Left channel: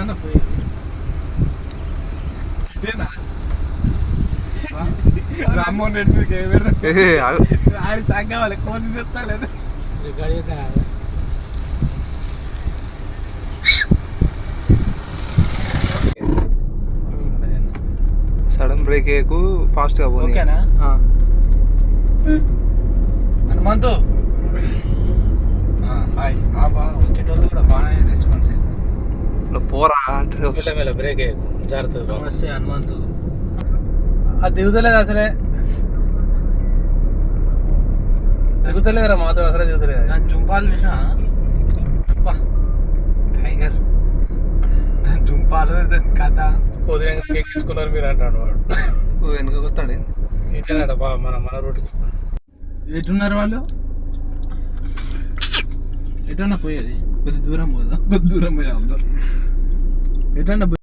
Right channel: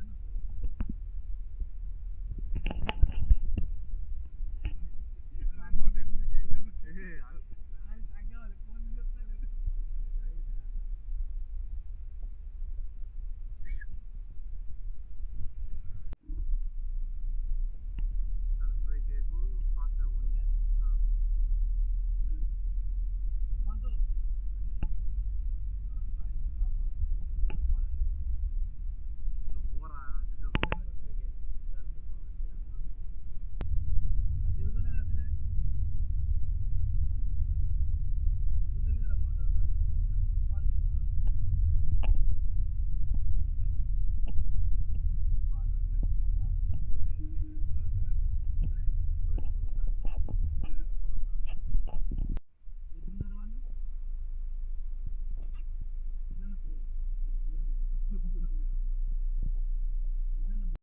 ఎటన్నా పోయేది ఇదేనా? రామ్మోహన్ రెడ్డి ఏ. ఆయన తెస్తా లేదు? సడన్ బ్రేక్ వేయకు ఫాస్ట్గా పోనీ. ఓకేనా? హనుమంతు. పోరా అంటే మెల్ల బ్రేక్ జాగ్రత్త నమస్తే హనుమంతు. అది దిగుతలేదు అసలే. దిగుతలేదురా మాతో అసలే దిగుతలేదు దాని జుంపాలు చూసినా? అబ్బా, టైగర్. దాని జుంపాలు దాని కథ. కోదిరంగా కేక్ తీసుకున్నారు మీరు అంటాడు వాడు. నువ్వు వెనుక కొత్తాడు ఏంటన్నాడు బా మన మన రోడ్డుకి ఎటున్నారు వాళ్ళు? ఎటన్నా పోయేది? కొద్ది దూరం పోదా కొద్ది దూరం పోయా అందరు. ఎటన్నా పోయి-